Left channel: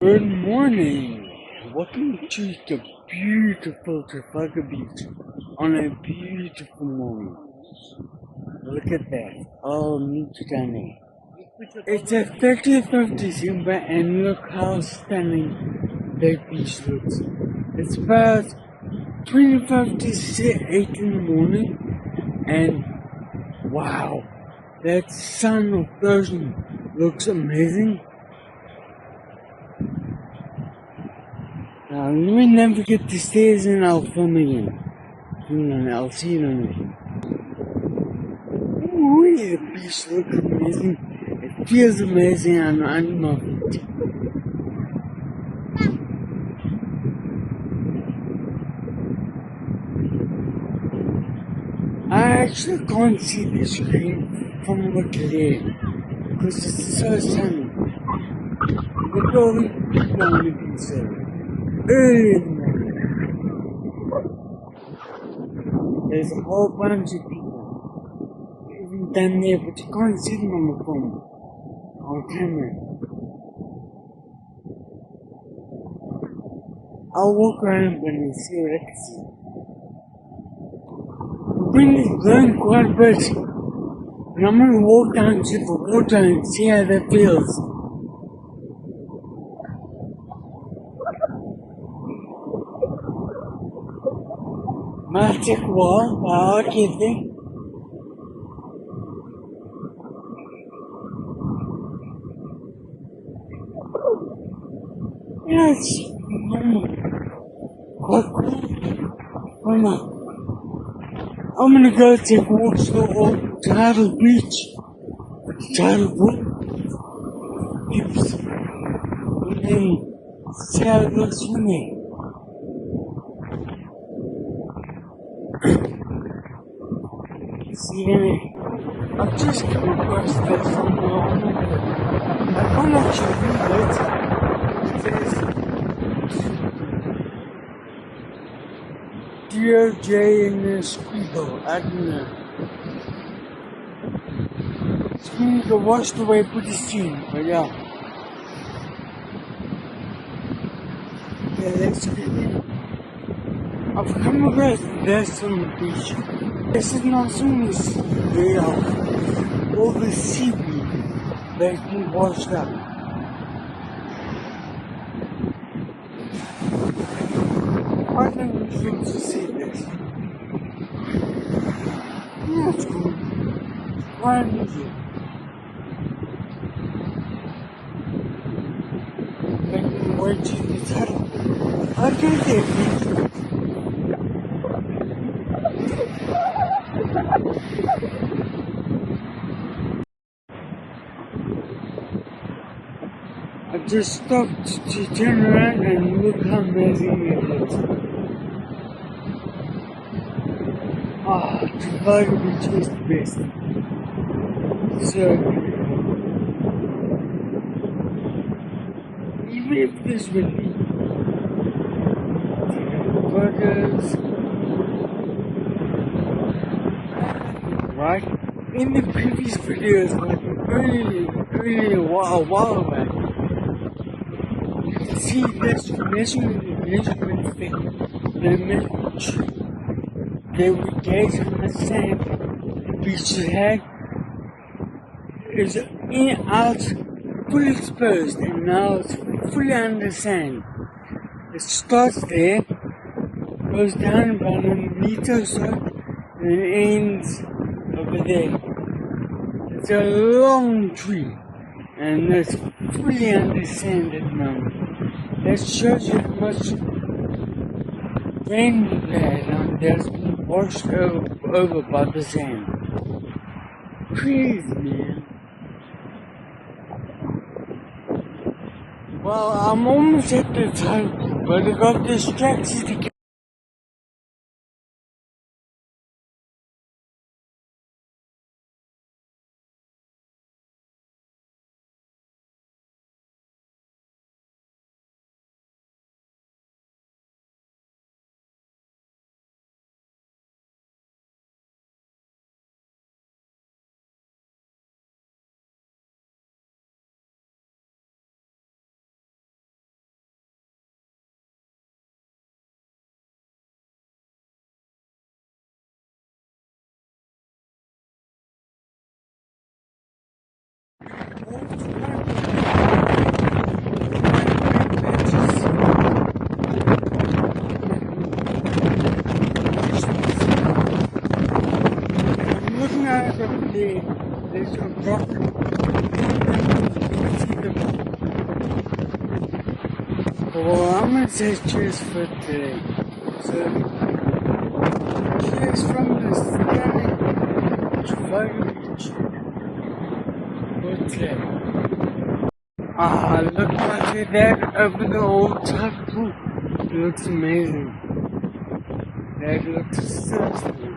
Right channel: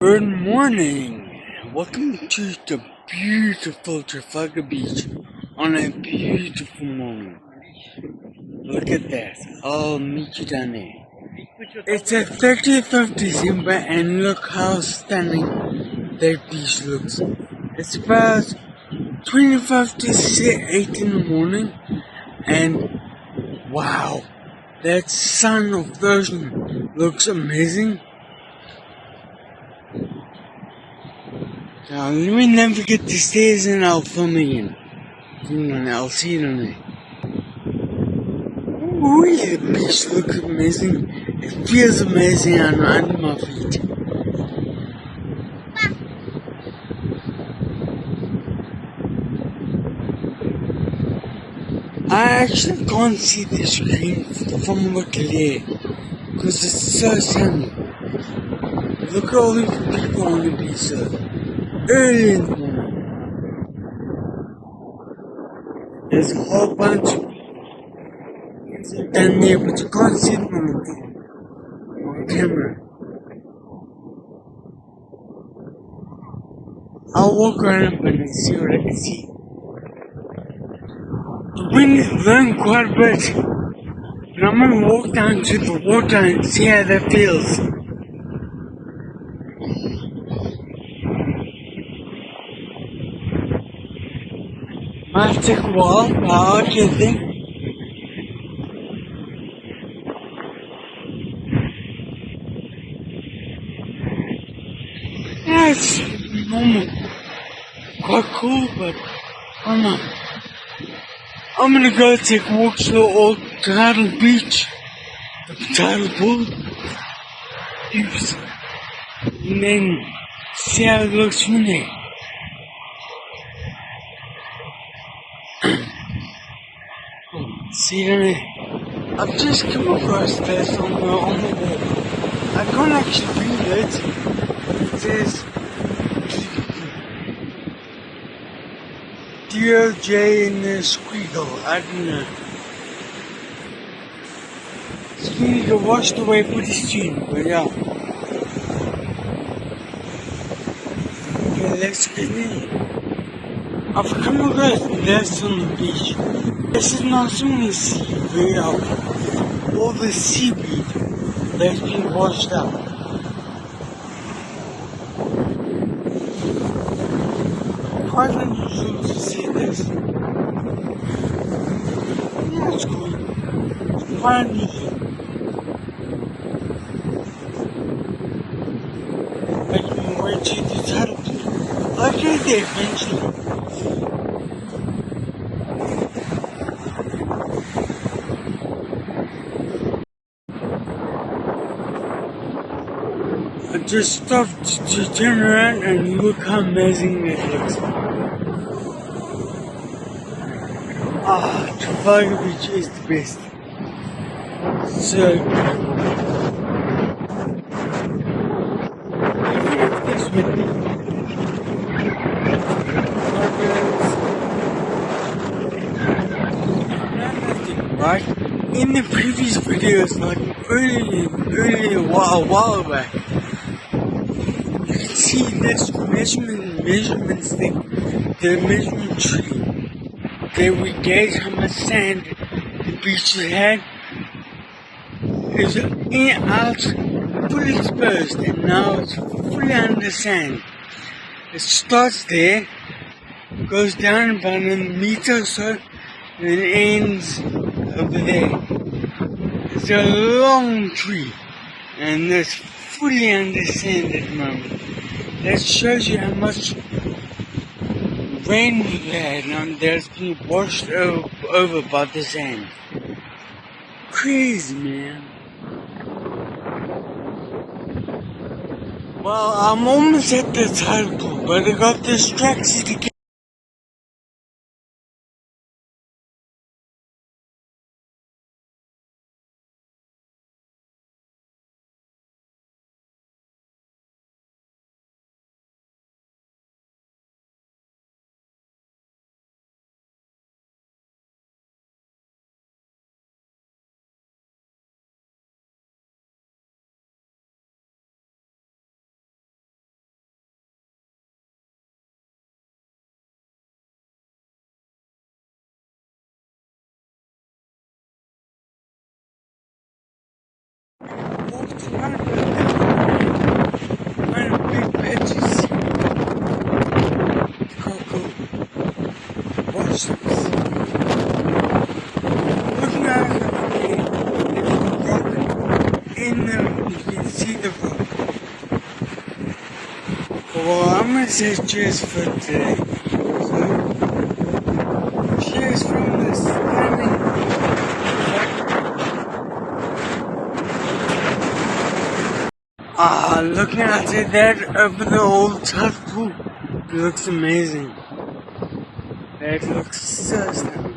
Good morning. Welcome to the beautiful Trafalgar Beach on a beautiful morning. Look at that. I'll meet you down there. It's the 30th of December and look how stunning that beach looks. It's about 25 to 8 in the morning and wow, that sun of the ocean looks amazing. Now, let me navigate the stairs and I'll film again. I'll see you on there. Ooh, the beach looks amazing. It feels amazing under my feet. I actually can't see the screen from over there because it's so sunny. Look at all these people on the beach so early in the morning. There's a whole bunch of people down there, but you can't see them on the phone, on camera. I'll walk around and see what I can see. The wind is blowing quite a bit, and I'm gonna walk down to the water and see how that feels. Might take a while, but I'll get there. Yeah, it's normal. Quite cool, but I don't know. I'm gonna go take a walk to the old tidal beach, the tidal pool, use, and then see how it looks from there. See you there. I've just come across this on the wall. I can't actually read it. It says DOJ in the squeakle. I don't know. Squeakle washed away pretty soon, but yeah. Okay, let's get in. I've come across this on the beach. This is not something you see very often. All the seaweed that's been washed out. Quite unusual to see this. Yeah, it's cool. It's quite unusual. Making my way to the tidal pool. I'll get there eventually. I just stopped to turn around and look how amazing it looks. Trafalgar Beach is the best. So beautiful. Even if it's windy. Right? In the previous videos, like earlier a while back, you can see this measurements thing, the measurement tree. They would gauge how much sand the beach had. It's in out, fully exposed, and now it's fully under sand. It starts there, goes down about a meter or so, and then ends over there. It's a long tree, and it's fully under sand at the moment. That shows you how much rain we've had, and that's been washed over by the sand. Crazy, man. Well, I'm almost at the tidal pool, but I got distracted again. walked around one big patches. Cool. Watch this. Looking out of there, there's a rock in them. You can see the rock. Well, I'm gonna say cheers for today. So, cheers from this scanning. Looking at that over the old tide pool. It looks amazing. That looks so stunning.